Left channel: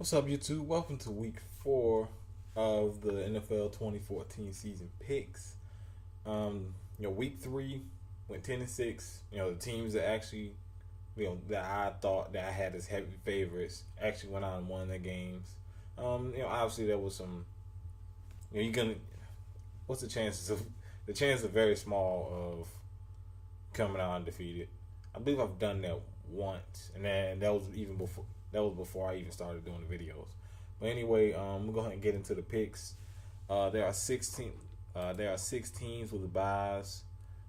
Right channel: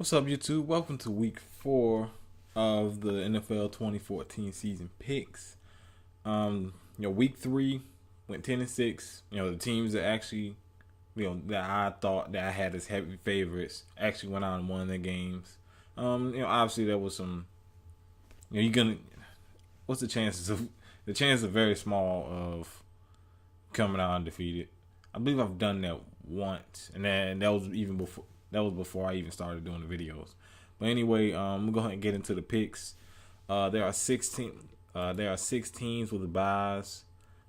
What's up, YouTube? Welcome to week 4 of the NFL 2014 season picks. Week 3 went 10-6. The teams that actually, that I thought that I had as heavy favorites actually went out and won their games. Obviously there was some. What's the chances of? The chances are very small of coming out undefeated. I believe I've done that once, and that was even before. That was before I even started doing the videos. But anyway, we'll go ahead and get into the picks. There are 16. There are 6 teams with the byes.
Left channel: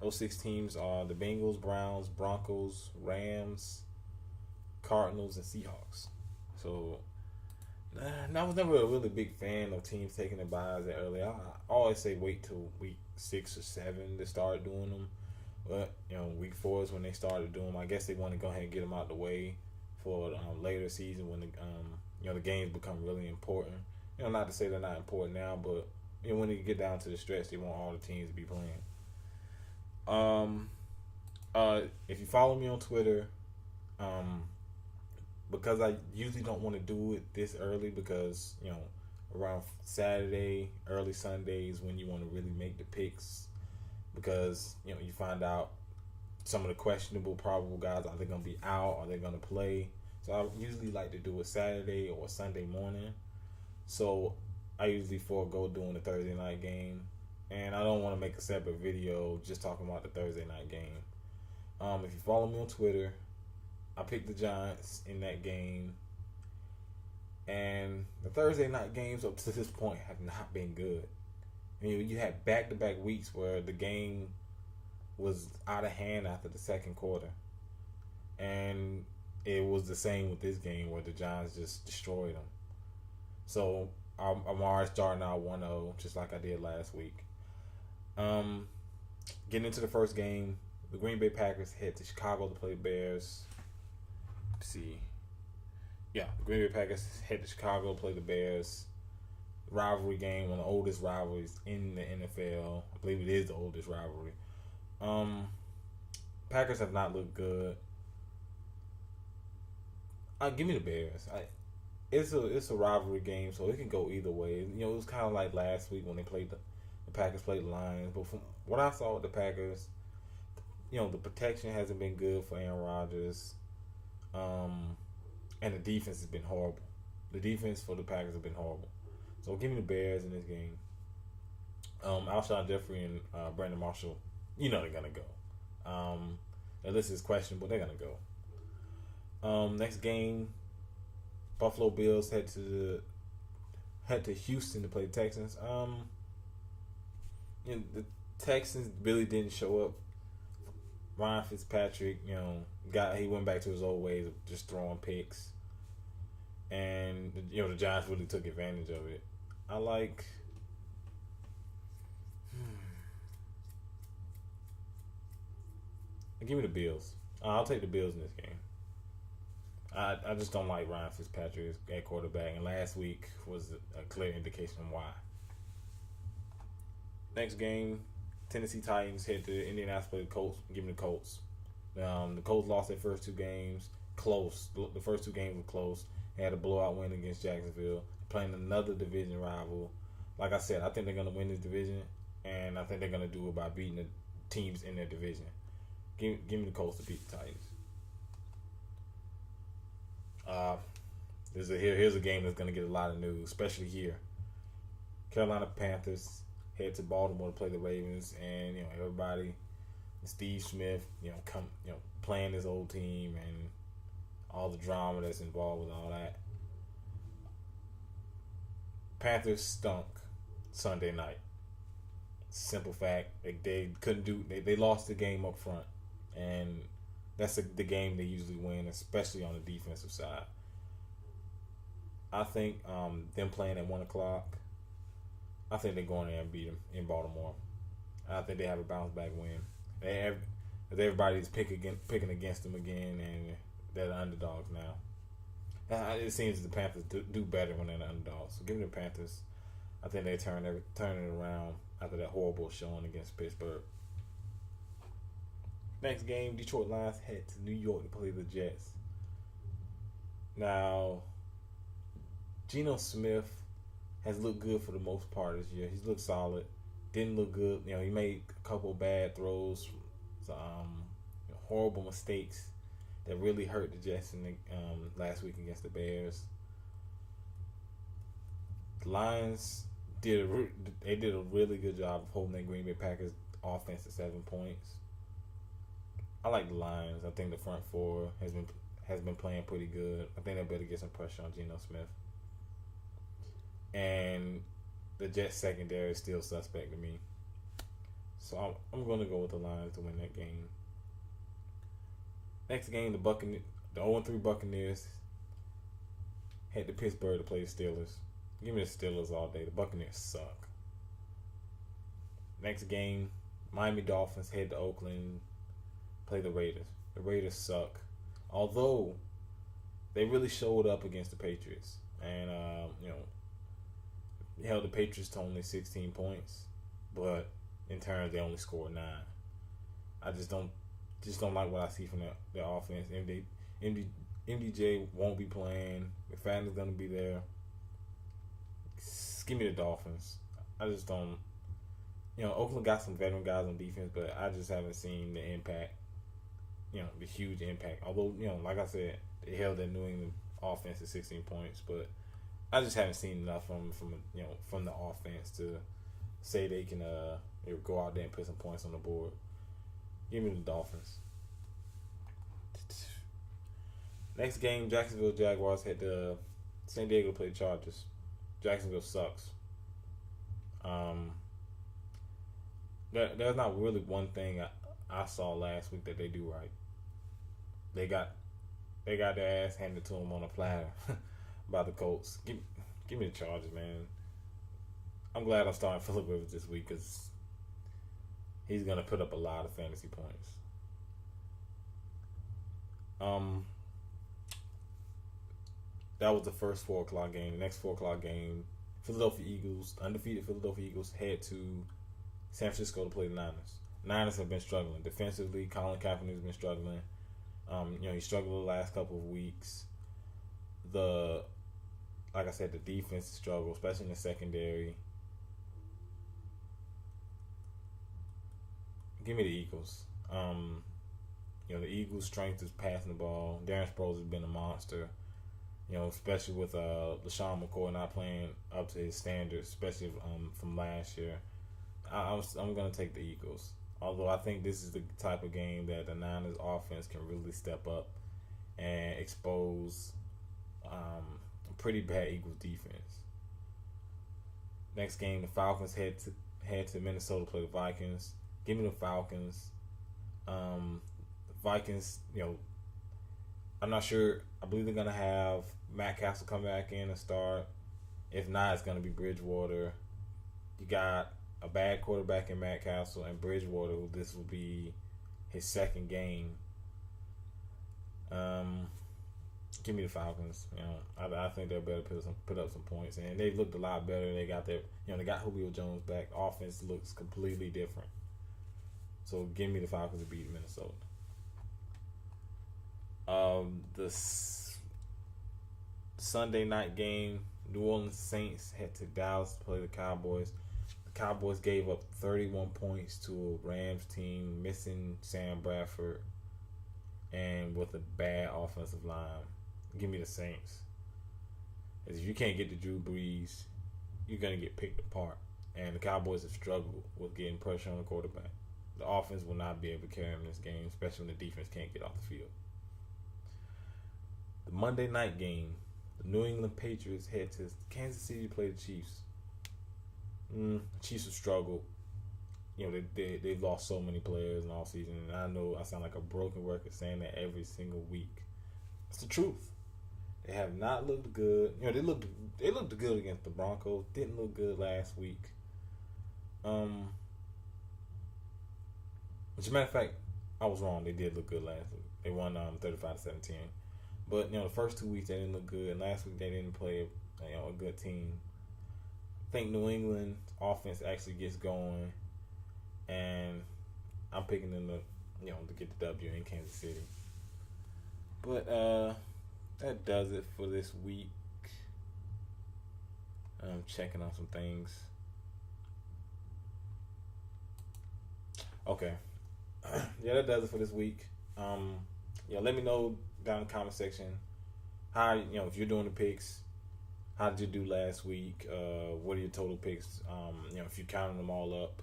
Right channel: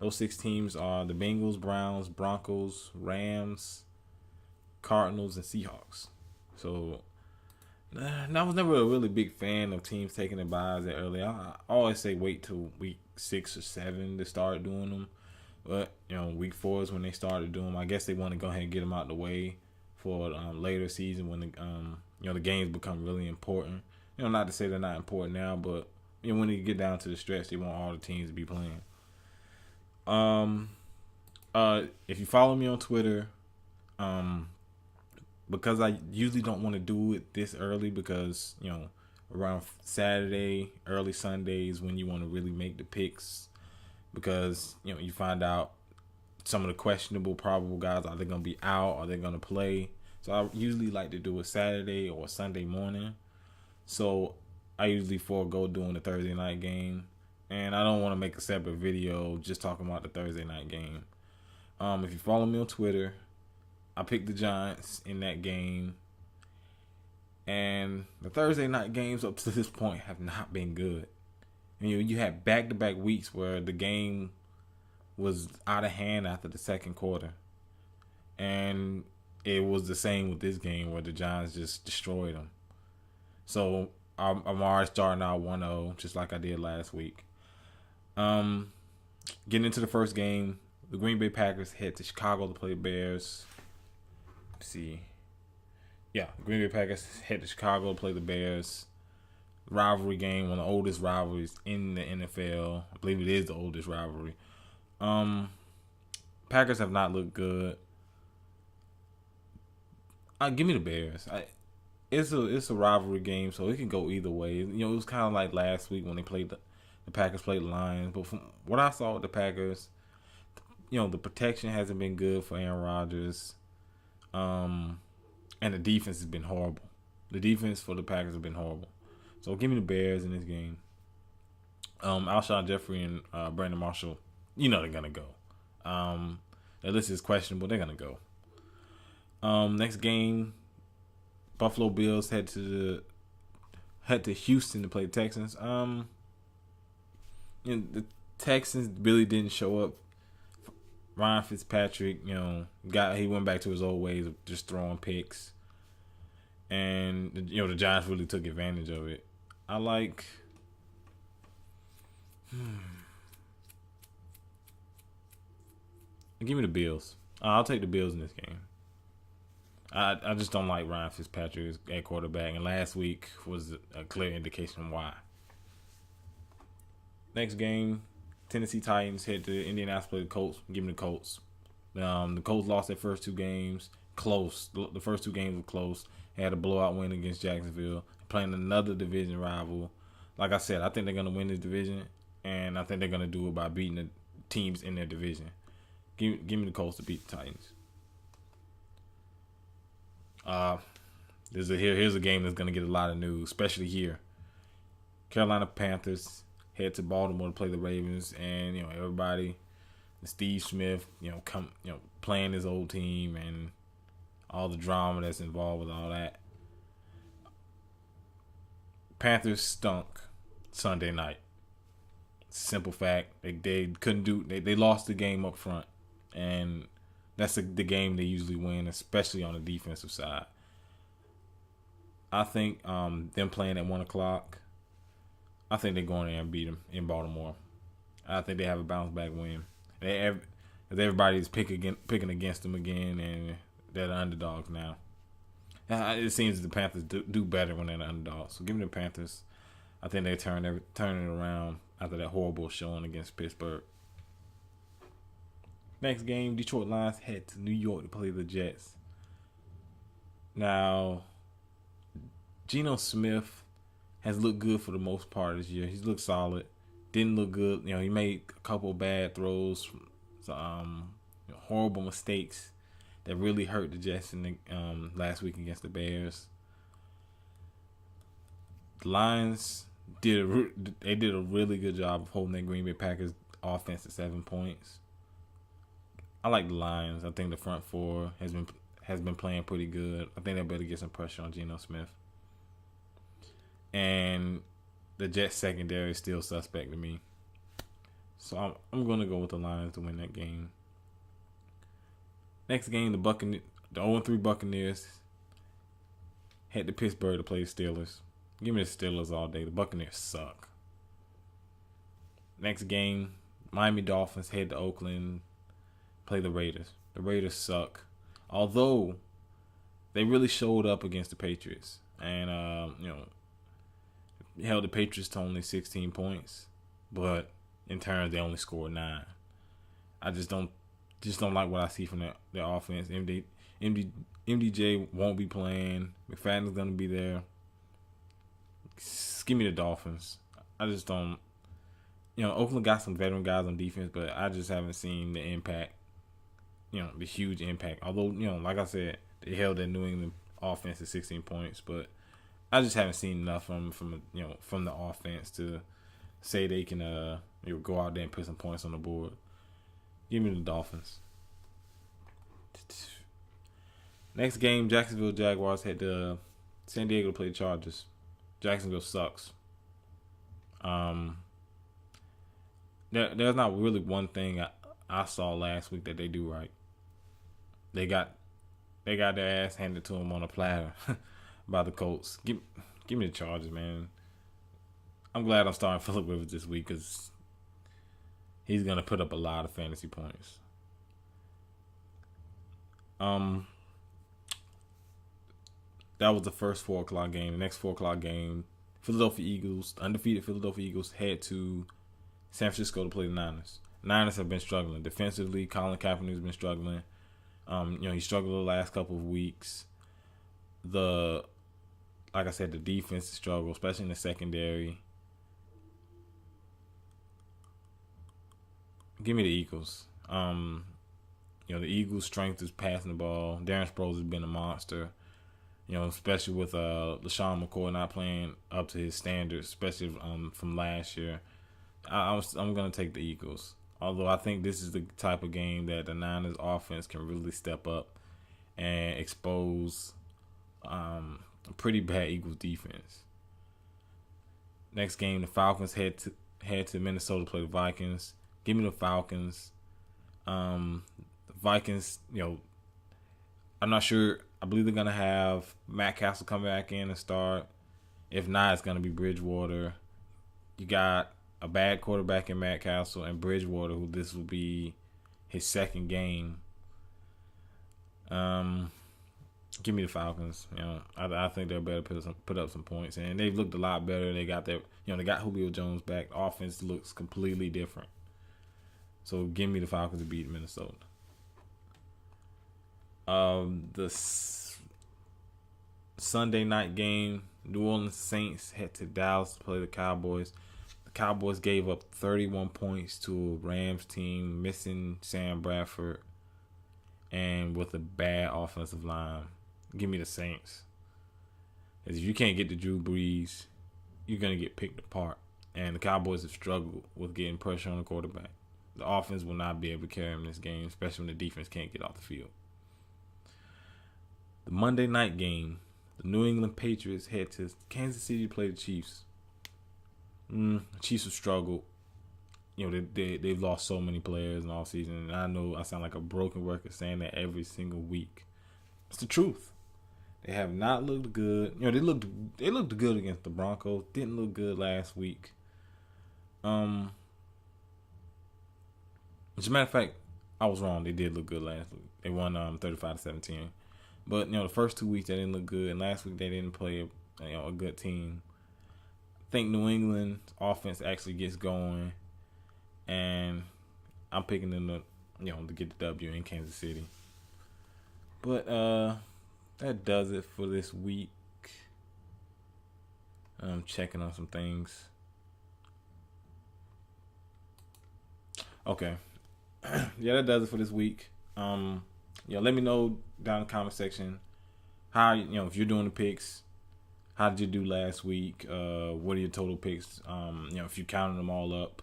Those 6 teams are the Bengals, Browns, Broncos, Rams, Cardinals, and Seahawks. So I was never a really big fan of teams taking the byes that early. I always say wait till week 6 or 7 to start doing them. But week 4 is when they started doing them. I guess they want to go ahead and get them out the way for later season when the games become really important. Not to say they're not important now, but when you get down to the stretch, they want all the teams to be playing. If you follow me on Twitter, because I usually don't want to do it this early because around Saturday, early Sundays when you want to really make the picks, because you find out some of the questionable, probable guys, are they going to be out? Are they going to play? So I usually like to do a Saturday or a Sunday morning. So I usually forego doing the Thursday night game. And I don't want to make a separate video just talking about the Thursday night game. If you follow me on Twitter, I picked the Giants in that game. And the Thursday night games up to this point have not been good. You had back-to-back weeks where the game was out of hand after the second quarter, and it was the same with this game where the Giants just destroyed them. So I'm already starting out 1-0 just like I did last week. Getting into the first game, the Green Bay Packers head to Chicago to play the Bears. The Green Bay Packers head to Chicago to play the Bears. Rivalry game, one of the oldest rivalries in the NFL. I believe it is the oldest rivalry. Packers have not looked good. Give me the Bears. It's a rivalry game, so it can go either way. It was kind of like last week when they played the Packers played the Lions. But from what I saw with the Packers, the protection hasn't been good for Aaron Rodgers, and the defense has been horrible. The defense for the Packers have been horrible. So give me the Bears in this game. Alshon Jeffrey and Brandon Marshall, they're gonna go. That list is questionable. They're gonna go. Next game, Buffalo Bills head to Houston to play the Texans. The Texans really didn't show up. Ryan Fitzpatrick, he went back to his old ways of just throwing picks, and the Giants really took advantage of it. I like. Give me the Bills. I'll take the Bills in this game. I just don't like Ryan Fitzpatrick at quarterback, and last week was a clear indication why. Next game, Tennessee Titans head to Indianapolis to play the Colts. Give me the Colts. The Colts lost their first 2 games. Close. The first 2 games were close. They had a blowout win against Jacksonville. Playing another division rival. Like I said, I think they're going to win this division, and I think they're going to do it by beating the teams in their division. Give me the Colts to beat the Titans. Here's a game that's going to get a lot of news, especially here. Carolina Panthers head to Baltimore to play the Ravens, and everybody, Steve Smith, playing his old team and all the drama that's involved with all that. Panthers stunk Sunday night. Simple fact. They couldn't do. They lost the game up front, and that's the game they usually win, especially on the defensive side. I think them playing at 1:00. I think they're going there and beat them in Baltimore. I think they have a bounce back win. Everybody's picking against them again, and they're the underdogs now. It seems the Panthers do better when they're the underdogs. So give me the Panthers. I think they turn it around after that horrible showing against Pittsburgh. Next game, Detroit Lions head to New York to play the Jets. Now, Geno Smith has looked good for the most part this year. He's looked solid. Didn't look good. He made a couple of bad throws, horrible mistakes that really hurt the Jets in the last week against the Bears. The Lions did a really good job of holding that Green Bay Packers offense to 7 points. I like the Lions. I think the front four has been playing pretty good. I think they better get some pressure on Geno Smith. And the Jets secondary is still suspect to me. So I'm going to go with the Lions to win that game. Next game, the 0-3 Buccaneers head to Pittsburgh to play the Steelers. Give me the Steelers all day. The Buccaneers suck. Next game, Miami Dolphins head to Oakland, play the Raiders. The Raiders suck. Although they really showed up against the Patriots. And, held the Patriots to only 16 points. But in turn, they only scored 9. I just don't like what I see from their offense. MDJ won't be playing. McFadden's going to be there. Give me the Dolphins. I just don't. Oakland got some veteran guys on defense, but I just haven't seen the impact. The huge impact. Although, like I said, they held that New England offense to 16 points, but I just haven't seen enough from the offense to say they can go out there and put some points on the board. Give me the Dolphins. Next game, Jacksonville Jaguars head to San Diego to play the Chargers. Jacksonville sucks. There's not really one thing I saw last week that they do right. They got their ass handed to them on a platter by the Colts. Give me the Chargers, man. I'm glad I'm starting Phillip Rivers this week because he's gonna put up a lot of fantasy points. That was the first 4 o'clock game. The next 4 o'clock game, undefeated Philadelphia Eagles head to San Francisco to play the Niners. Niners have been struggling defensively. Colin Kaepernick's been struggling. He struggled the last couple of weeks. Like I said, the defense struggled, especially in the secondary. Give me the Eagles. The Eagles' strength is passing the ball. Darren Sproles has been a monster. Especially with LaShawn McCoy not playing up to his standards, especially from last year. I'm going to take the Eagles. Although I think this is the type of game that the Niners offense can really step up and expose a pretty bad Eagles defense. Next game, the Falcons head to Minnesota to play the Vikings. Give me the Falcons. The Vikings, I'm not sure. I believe they're going to have Matt Castle come back in and start. If not, it's going to be Bridgewater. You got a bad quarterback in Matt Castle and Bridgewater, who this will be his second game. Give me the Falcons. I think they'll better put up some points, and they've looked a lot better. They got they got Julio Jones back. The offense looks completely different. So give me the Falcons to beat Minnesota. The Sunday night game, New Orleans Saints head to Dallas to play the Cowboys. The Cowboys gave up 31 points to a Rams team missing Sam Bradford and with a bad offensive line. Give me the Saints. If you can't get to Drew Brees, you're going to get picked apart. And the Cowboys have struggled with getting pressure on the quarterback. The offense will not be able to carry him in this game, especially when the defense can't get off the field. The Monday night game, the New England Patriots head to Kansas City to play the Chiefs. The Chiefs have struggled. They've lost so many players in all season, and I know I sound like a broken record saying that every single week. It's the truth. They have not looked good. They looked good against the Broncos. Didn't look good last week. As a matter of fact, I was wrong. They did look good last week. They won 35-17. But the first 2 weeks they didn't look good, and last week they didn't play a good team. I think New England's offense actually gets going, and I'm picking them to get the W in Kansas City. But that does it for this week. I'm checking on some things. Okay. Yeah, that does it for this week. Let me know down in the comment section how if you're doing the picks. How did you do last week? What are your total picks? If you counted them all up.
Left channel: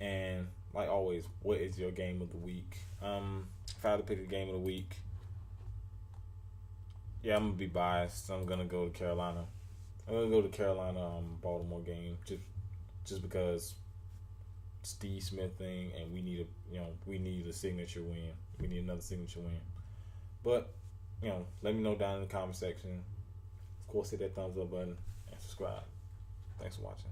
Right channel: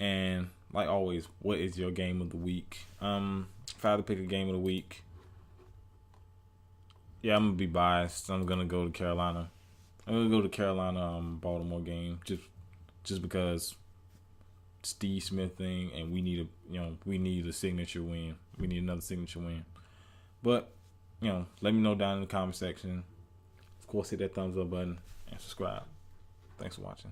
And like always, what is your game of the week? If I had to pick a game of the week, yeah, I'm gonna be biased. I'm gonna go to Carolina. I'm gonna go to Carolina Baltimore game just because Steve Smith thing, and we need a signature win. We need another signature win. But let me know down in the comment section. Of course, hit that thumbs up button and subscribe. Thanks for watching.